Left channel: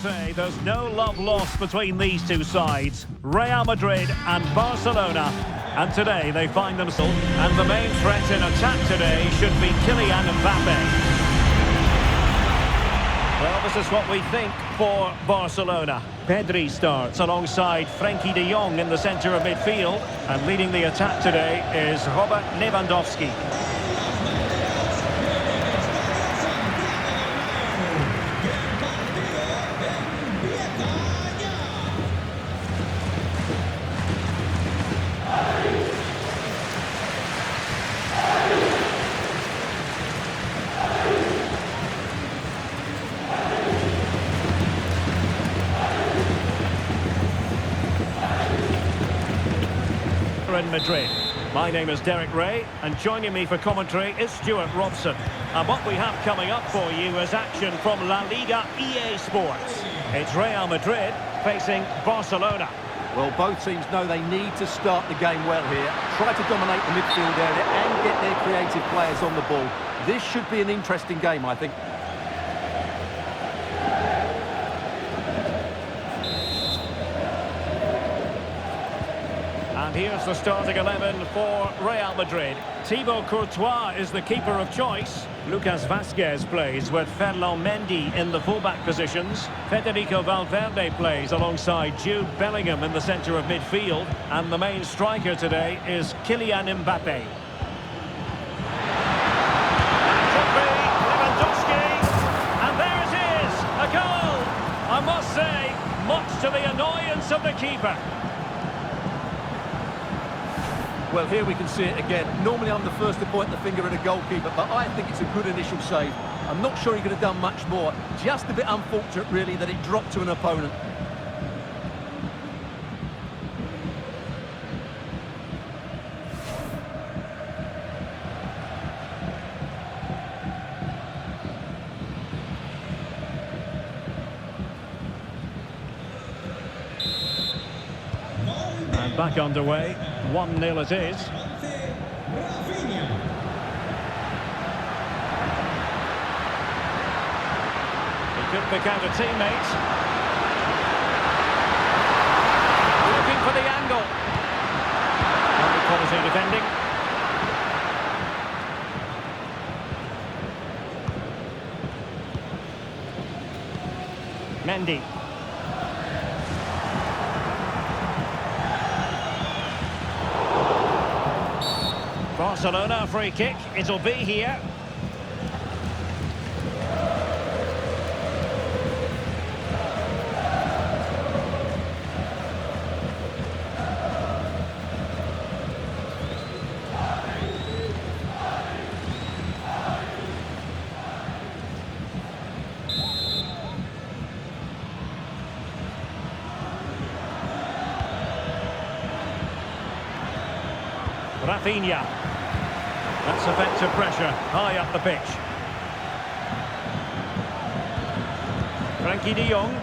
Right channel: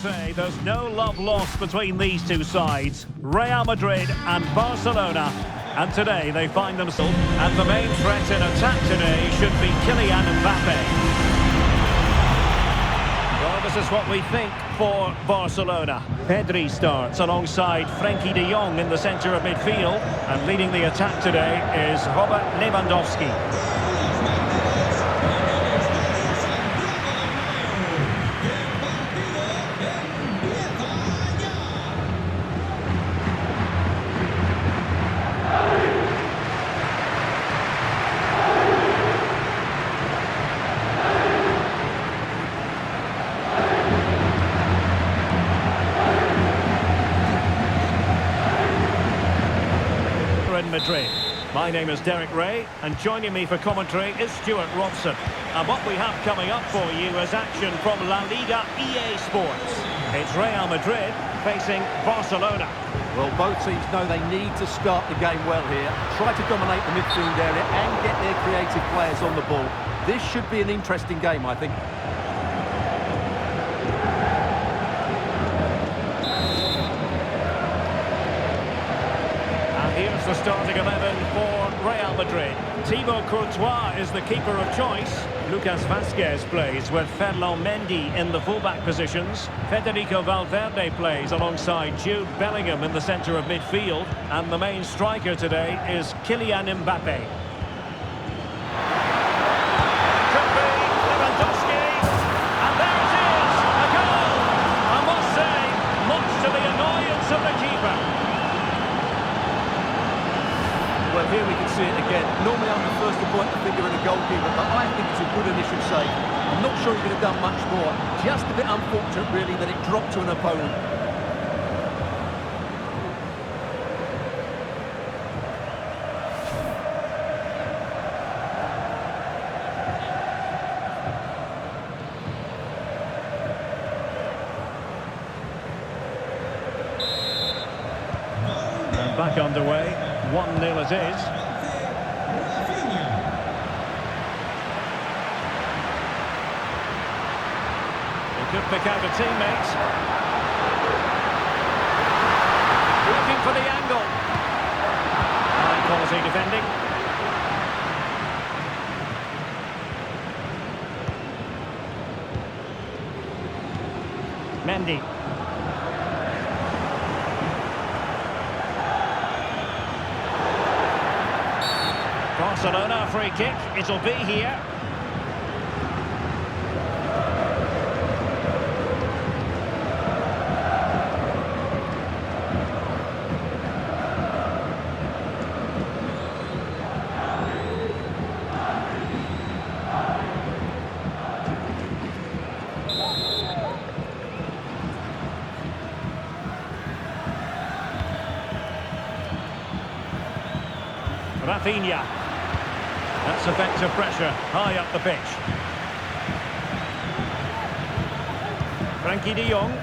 Say there's no love lost between these two sides, Real Madrid and Barcelona, and today they find themselves, and the main threat in attack today should be Kylian Mbappe. Well, this is what we think for Barcelona. Pedri starts alongside Frenkie de Jong in the centre of midfield, and leading the attack today is Robert Lewandowski. In Madrid. My name is Derek Ray, and joining me for commentary is Stuart Robson. And what we have coming up for you is action from LaLiga EA Sports. It's Real Madrid facing Barcelona. Well, both teams know they need to start the game well here, try to dominate the midfield area and get their creative players on the ball. This should be an interesting game, I think. And here's the starting 11 for Real Madrid. Thibaut Courtois is the keeper of choice. Lucas Vazquez plays with Ferland Mendy in the fullback positions. Federico Valverde plays alongside Jude Bellingham in the centre of midfield. And the main striker today is Kylian Mbappe. And it could be Lewandowski. And there it is, a goal! I must say, much to the annoyance of the keeper. Well, here we can see it again. Normally I'm the first to point the finger at a goalkeeper, but I think it's a good initial save. I'm not sure he could have done much more. Just a bit unfortunate, really, that it dropped to an opponent. And back underway. 1-0 it is. He could pick out a teammate. Looking for the angle. High quality defending. Mendy. Barcelona free kick, it'll be here. Rafinha. That's effective pressure, high up the pitch. Frenkie de Jong.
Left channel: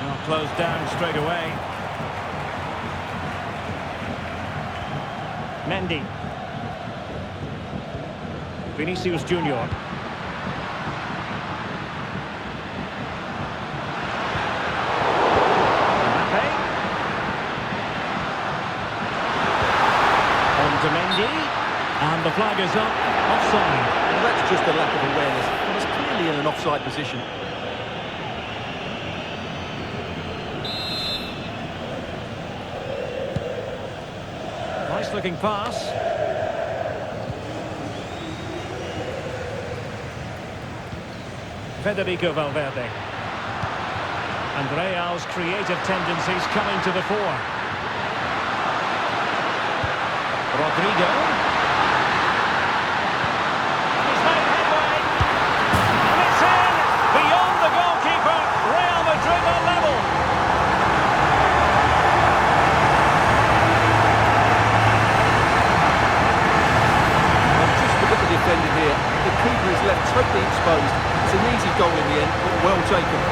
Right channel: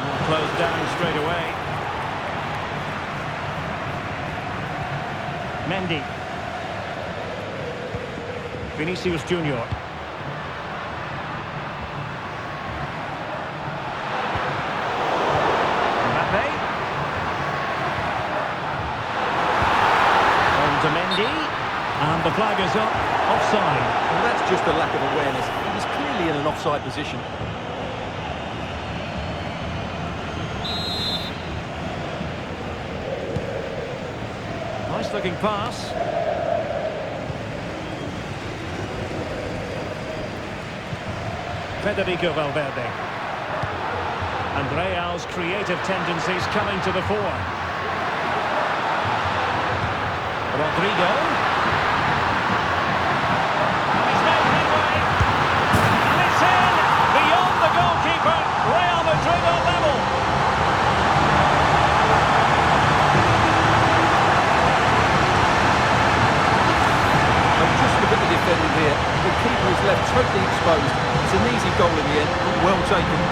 Oh, closed down straight away. Mendy. Vinicius Junior. Mbappe. On to Mendy, and the flag is up, offside. Well, that's just a lack of awareness. He was clearly in an offside position. Nice looking pass. Federico Valverde. And Real's creative tendencies coming to the fore. Rodrigo. And he's made headway. And it's in! Beyond the goalkeeper. Real Madrid are level. Well, just look at the defending here. The keeper is left totally exposed. It's an easy goal in the end, but well taken.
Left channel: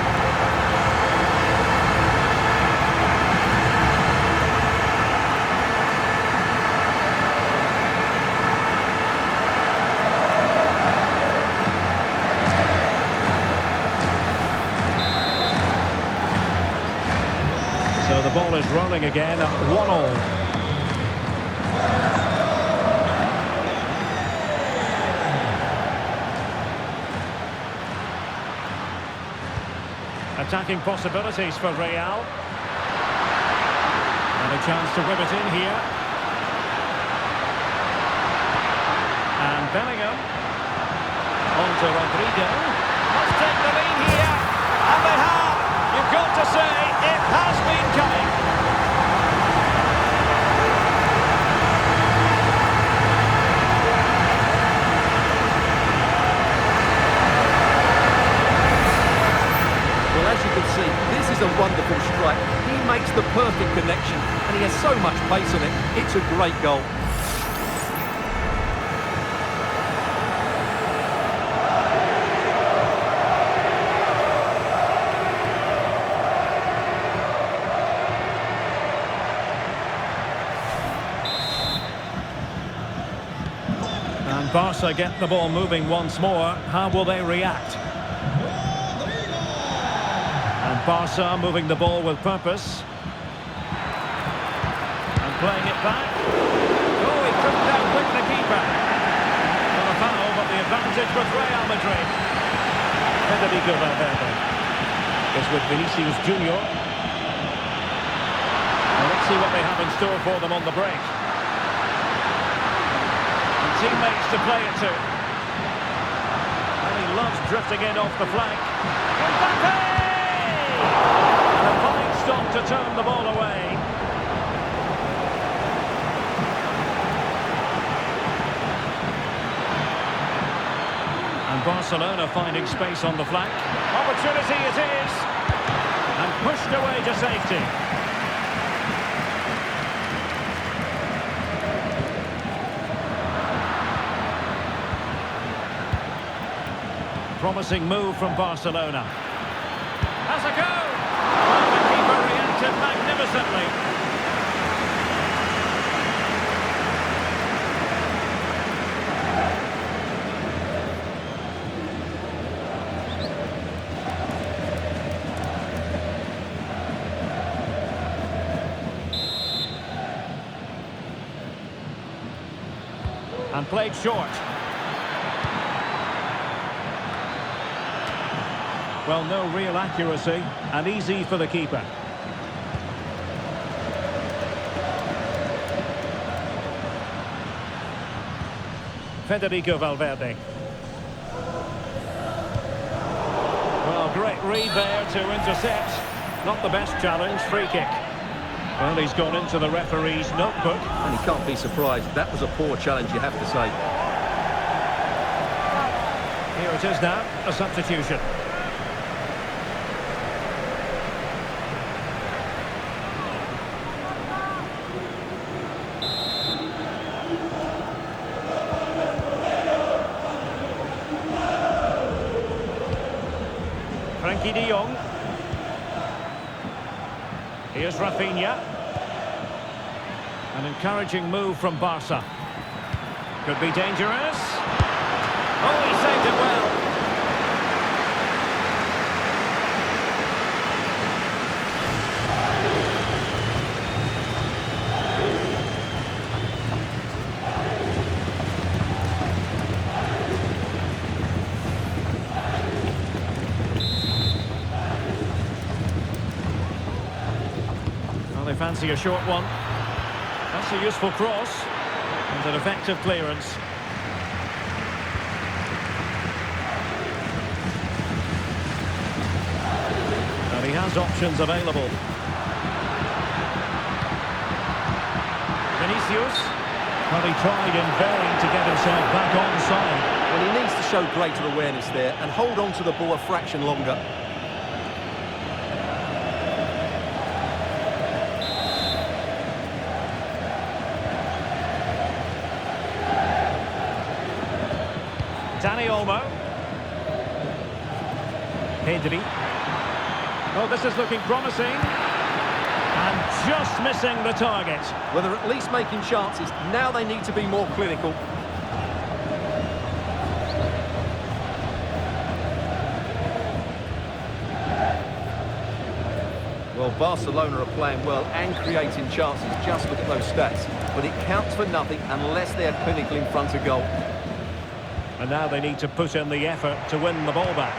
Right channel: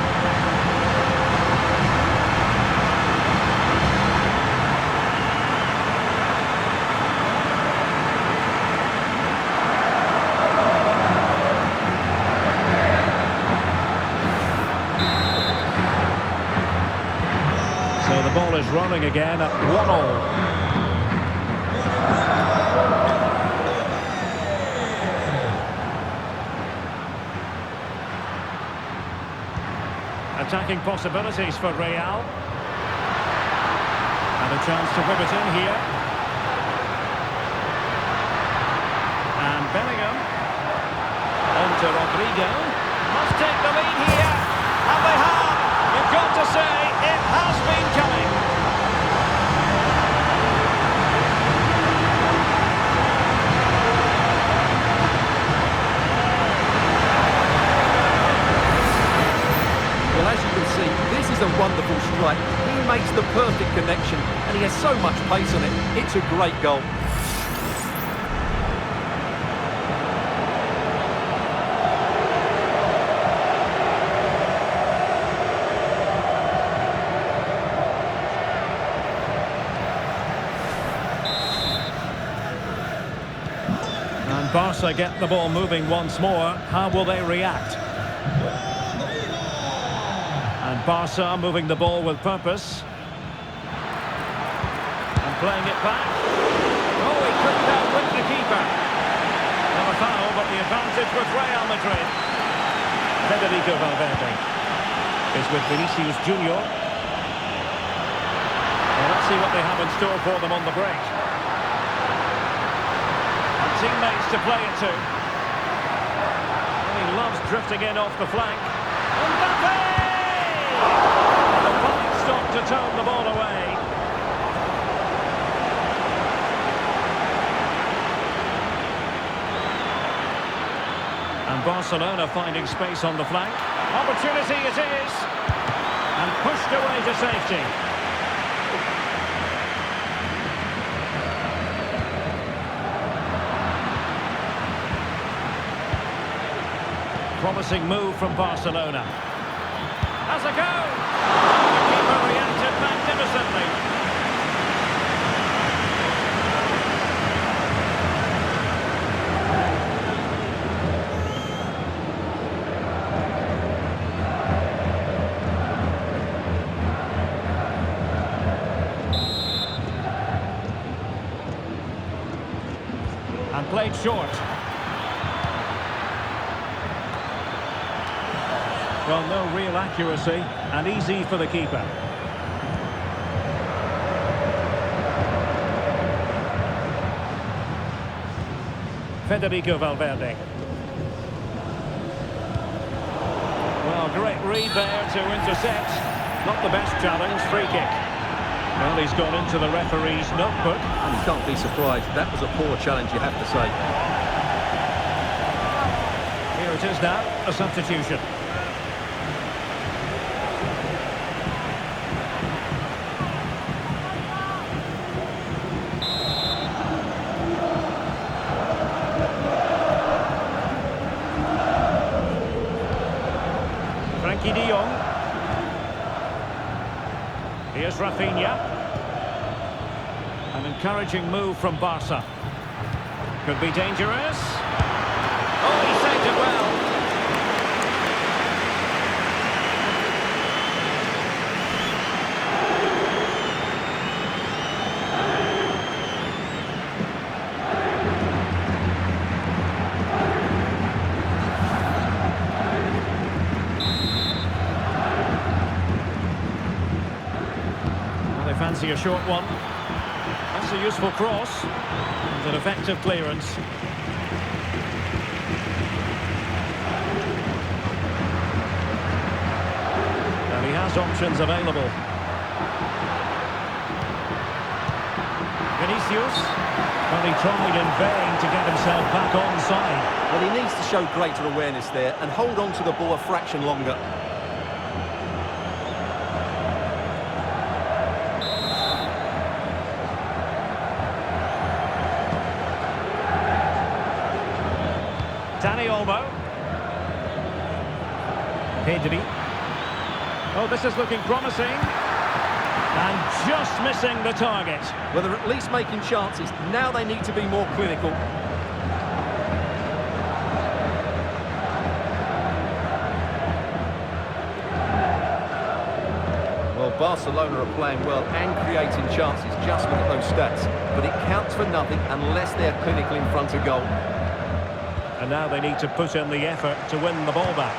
So the ball is rolling again at 1-1. Attacking possibilities for Real. And a chance to whip it in here. And Bellingham. On to Rodrigo. Must take the lead here. And they have. You've got to say, it has been coming. Well, as you can see, this is a wonderful strike. He makes the perfect connection, and he has so much pace on it. It's a great goal. And Barca get the ball moving once more. How will they react? And Barca moving the ball with purpose. And playing it back. Oh, he couldn't outwit the keeper. Not a foul, but the advantage with Real Madrid. Federico Valverde is with Vinicius Junior. Well, let's see what they have in store for them on the break. And teammates to play it to. Well, he loves drifting in off the flank. Mbappe! And a fine stop to turn the ball away. And Barcelona finding space on the flank. Opportunity it is. And pushed away to safety. Promising move from Barcelona. Has a go! Well, the keeper reacted magnificently. And played short. Well, no real accuracy, and easy for the keeper. Federico Valverde. Well, great read there to intercept. Not the best challenge, free kick. Well, he's gone into the referee's notebook. And he can't be surprised. That was a poor challenge, you have to say. Here it is now, a substitution. Frankie de Jong. Here's Rafinha. An encouraging move from Barca. Could be dangerous. Oh, he saved it well. They fancy a short one. That's a useful cross and an effective clearance. And he has options available. Vinicius. Well, he tried in vain to get himself back onside. Well, he needs to show greater awareness there and hold on to the ball a fraction longer. Dani Olmo. Pedri. Oh, this is looking promising. And just missing the target. Well, they're at least making chances. Now they need to be more clinical. Well, Barcelona are playing well and creating chances. Just look at those stats. But it counts for nothing unless they're clinical in front of goal. And now they need to put in the effort to win the ball back.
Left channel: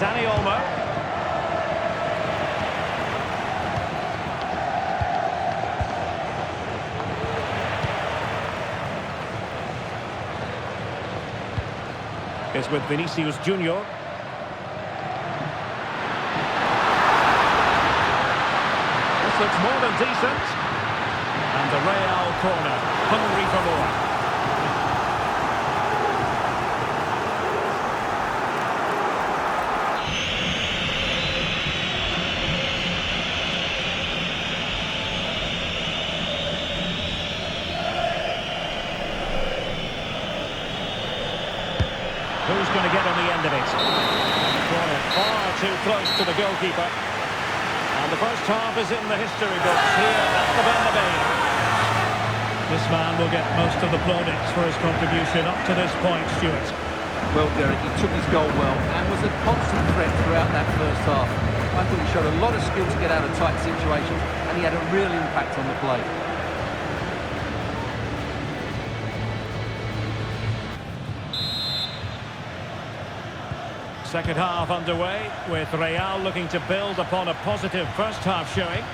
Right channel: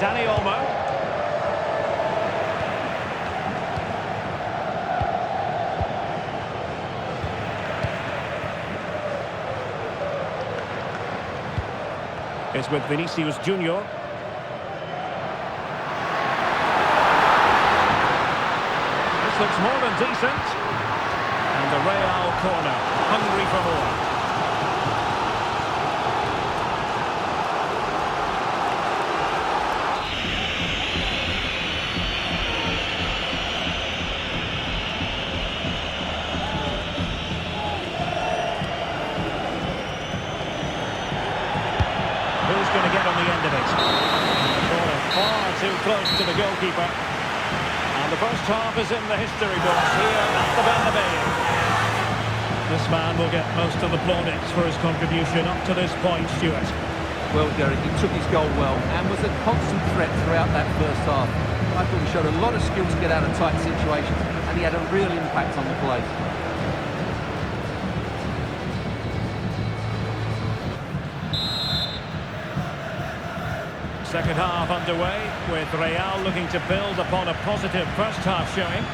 Dani Olmo. Is with Vinicius Junior. This looks more than decent. And the Real corner, hungry for more. Who's going to get on the end of it? And the corner far too close to the goalkeeper. And the first half is in the history books here at the Bernabeu. This man will get most of the plaudits for his contribution up to this point, Stuart. Well, Derek, he took his goal well and was a constant threat throughout that first half. I thought he showed a lot of skill to get out of tight situations, and he had a real impact on the play. Second half underway, with Real looking to build upon a positive first half showing.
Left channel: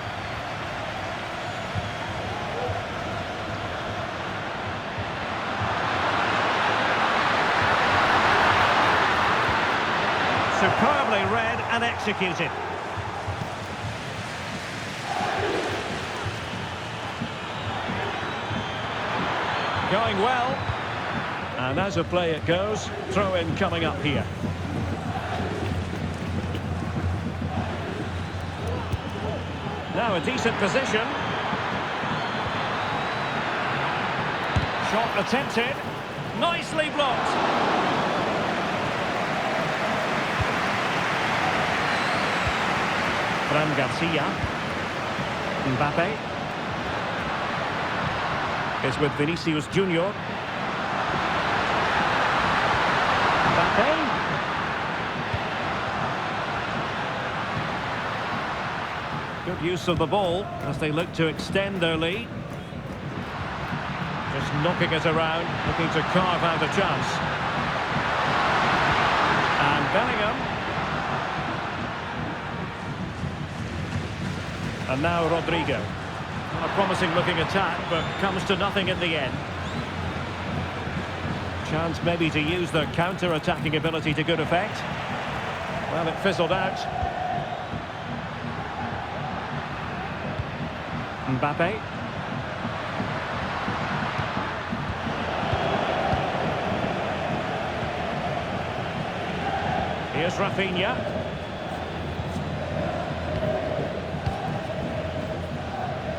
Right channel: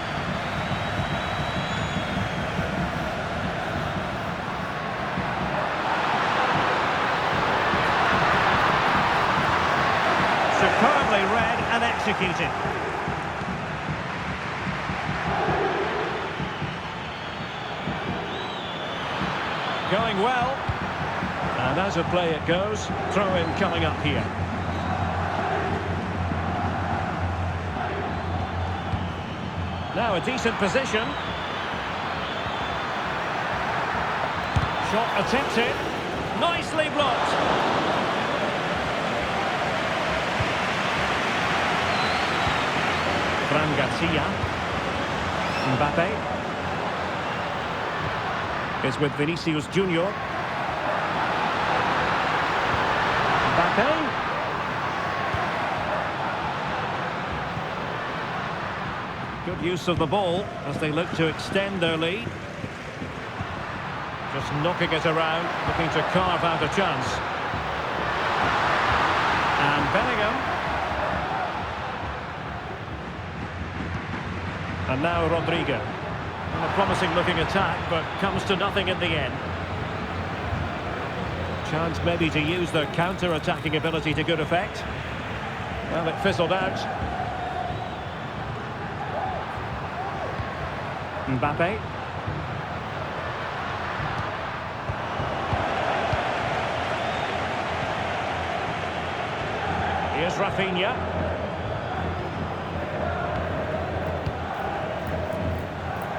Superbly read and executed. Going well. And as a play it goes, throw in coming up here. Now a decent position. Shot attempted. Nicely blocked. Fran Garcia. Mbappe. Is with Vinicius Junior. Mbappe. Good use of the ball as they look to extend their lead. Just knocking it around, looking to carve out a chance. And Bellingham. And now Rodrigo. A promising looking attack, but comes to nothing in the end. Chance maybe to use their counter-attacking ability to good effect. Well, it fizzled out. Mbappe. Here's Rafinha.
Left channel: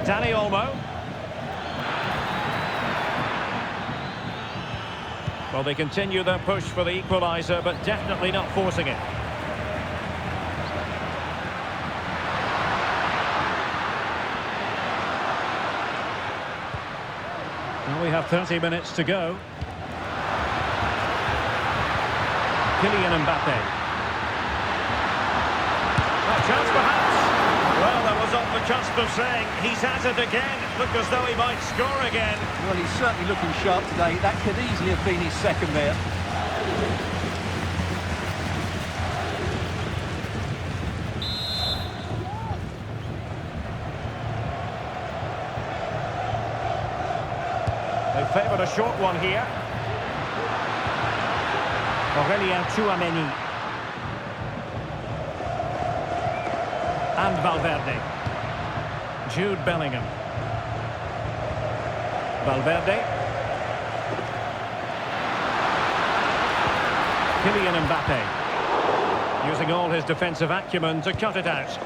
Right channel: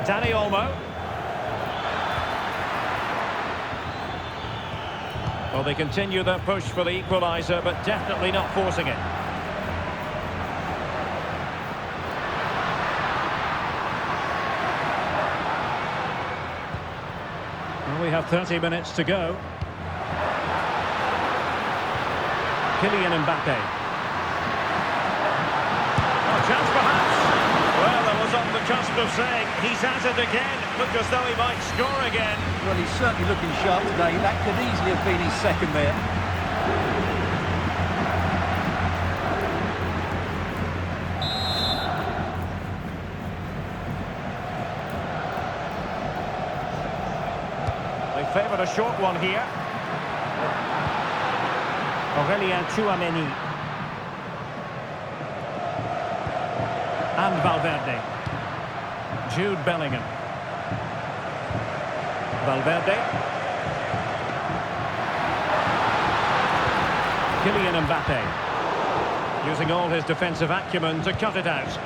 Dani Olmo. Well, they continue their push for the equaliser, but definitely not forcing it. Well, we have 30 minutes to go. Kylian Mbappe. Oh, chance perhaps. Well, that was on the cusp of saying he's at it again. Looked as though he might score again. Well, he's certainly looking sharp today. That could easily have been his second there. They favoured a short one here. Tchouameni. And Valverde. Jude Bellingham. Valverde. Kylian Mbappe. Using all his defensive acumen to cut it out.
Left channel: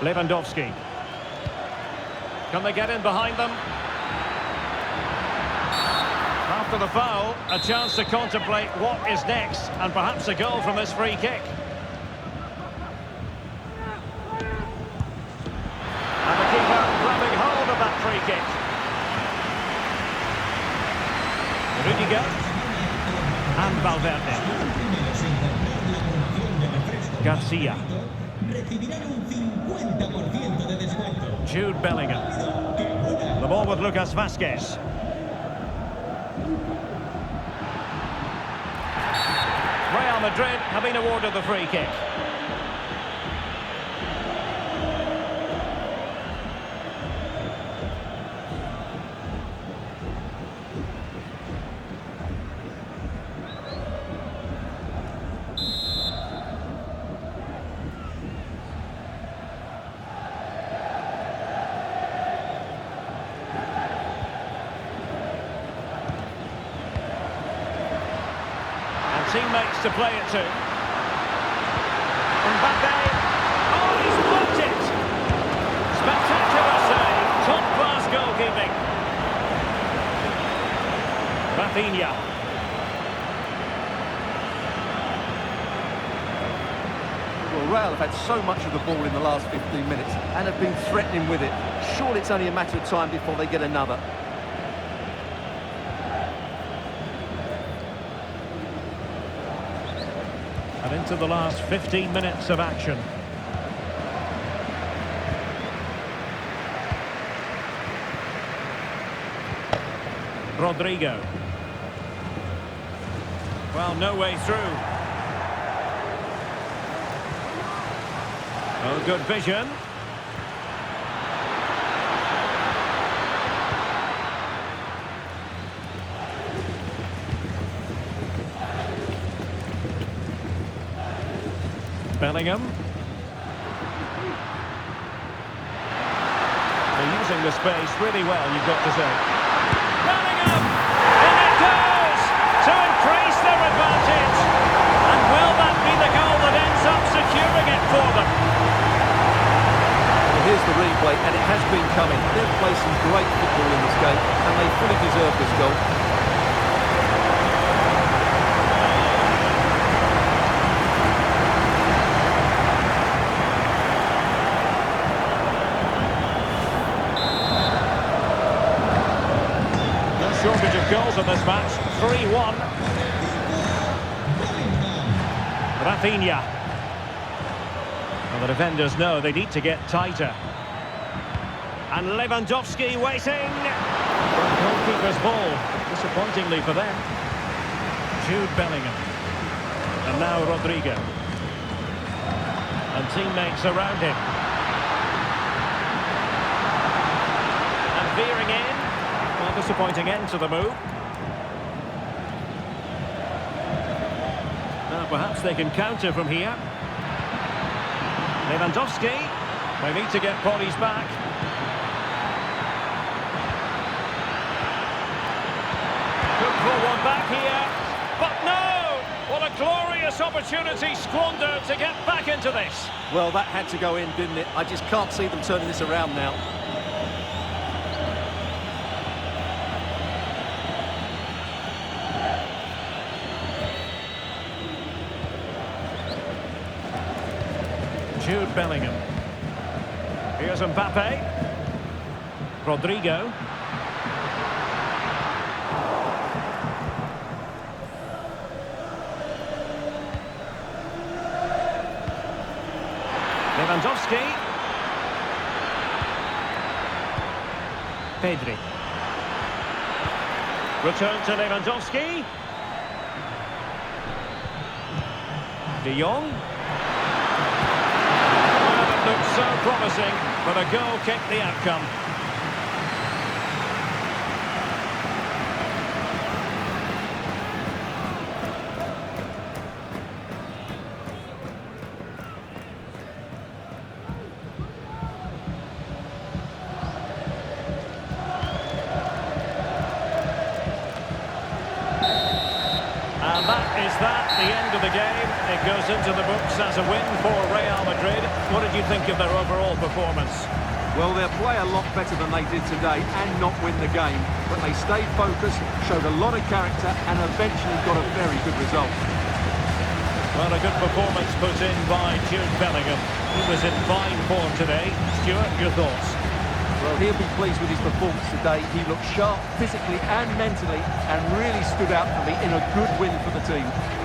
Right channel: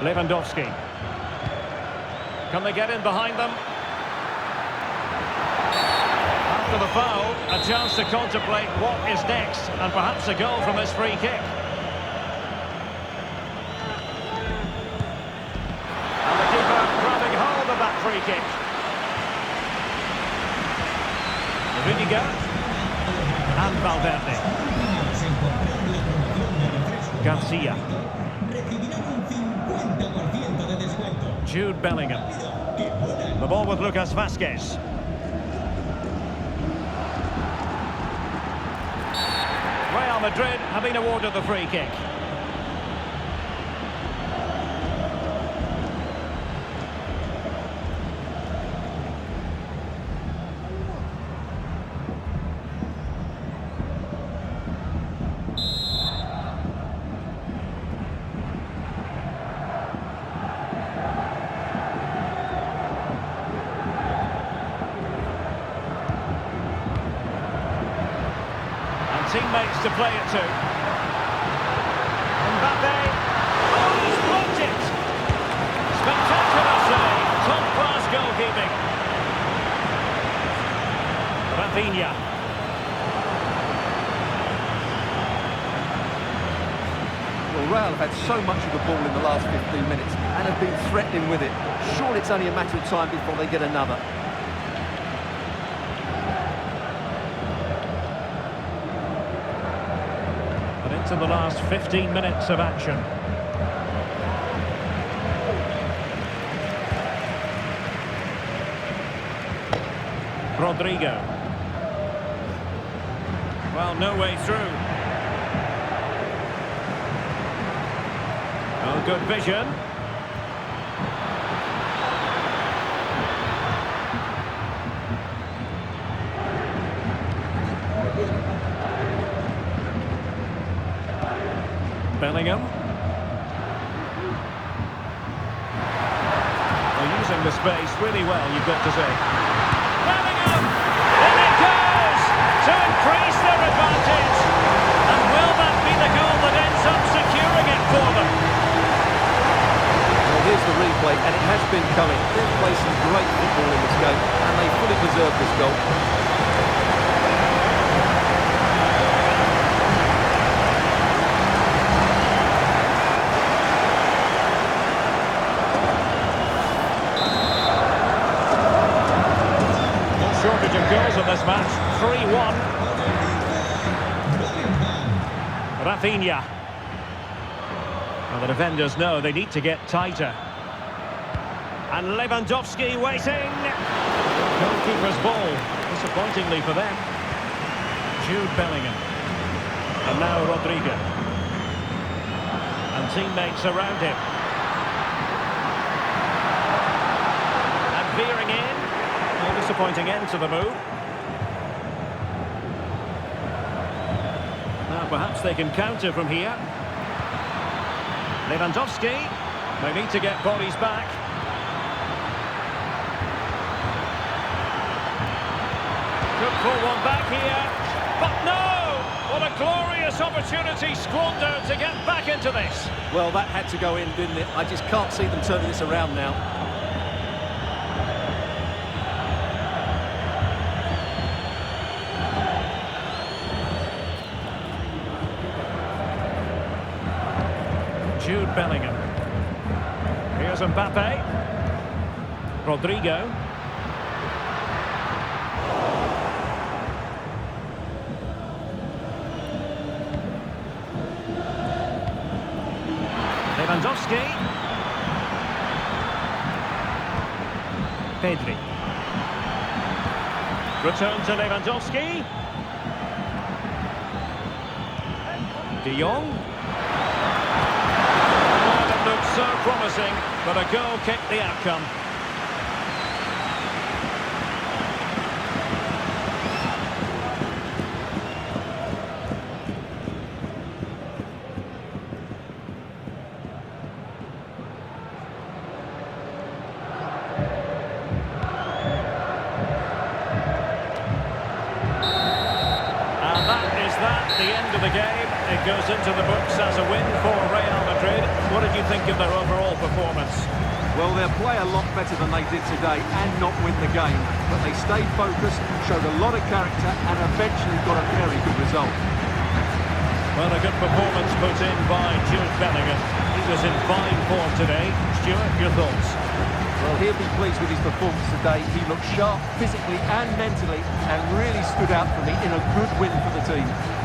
Lewandowski. Can they get in behind them? After the foul, a chance to contemplate what is next, and perhaps a goal from this free kick. goalkeeper grabbing hold of that free kick. Rudiger and Valverde. Garcia. Jude Bellingham. The ball with Lucas Vazquez. Real Madrid have been awarded the free kick. Teammates to play it to. Mbappe. Oh, he's blocked it. Spectacular save. Top-class goalkeeping. Rafinha. Well, Real have had so much of the ball in the last 15 minutes and have been threatening with it. Surely it's only a matter of time before they get another. And into the last 15 minutes of action. Rodrigo. Well, no way through. Oh, good vision. Bellingham. They're using the space really well, you've got to say. Bellingham! In it goes! To increase their advantage! And will that be the goal that ends up securing it for them? Well, here's the replay, and it has been coming. They've played some great football in this game, and they fully deserve this goal. Shortage of goals in this match. 3-1. Rafinha. Well, the defenders know they need to get tighter. And Lewandowski waiting. Goalkeeper's ball. Disappointingly for them. Jude Bellingham. And now Rodrigo. And teammates around him. And veering in. A disappointing end to the move. Now perhaps they can counter from here. Lewandowski. They need to get bodies back. Could pull one back here. But no! What a glorious opportunity squandered to get back into this. Well, that had to go in, didn't it? I just can't see them turning this around now. Jude Bellingham. Here's Mbappe. Rodrigo. Lewandowski. Pedri. Return to Lewandowski. De Jong. Looked so promising, but a goal kicked the outcome. And that, the end of the game. It goes into the books as a win for Real Madrid. What did you think of their overall performance? Well, they'll play a lot better than they did today and not win the game. But they stayed focused, showed a lot of character and eventually got a very good result. Well, a good performance put in by Jude Bellingham. He was in fine form today. Stuart, your thoughts? Well, he'll be pleased with his performance today. He looked sharp physically and mentally and really stood out for me in a good win for the team.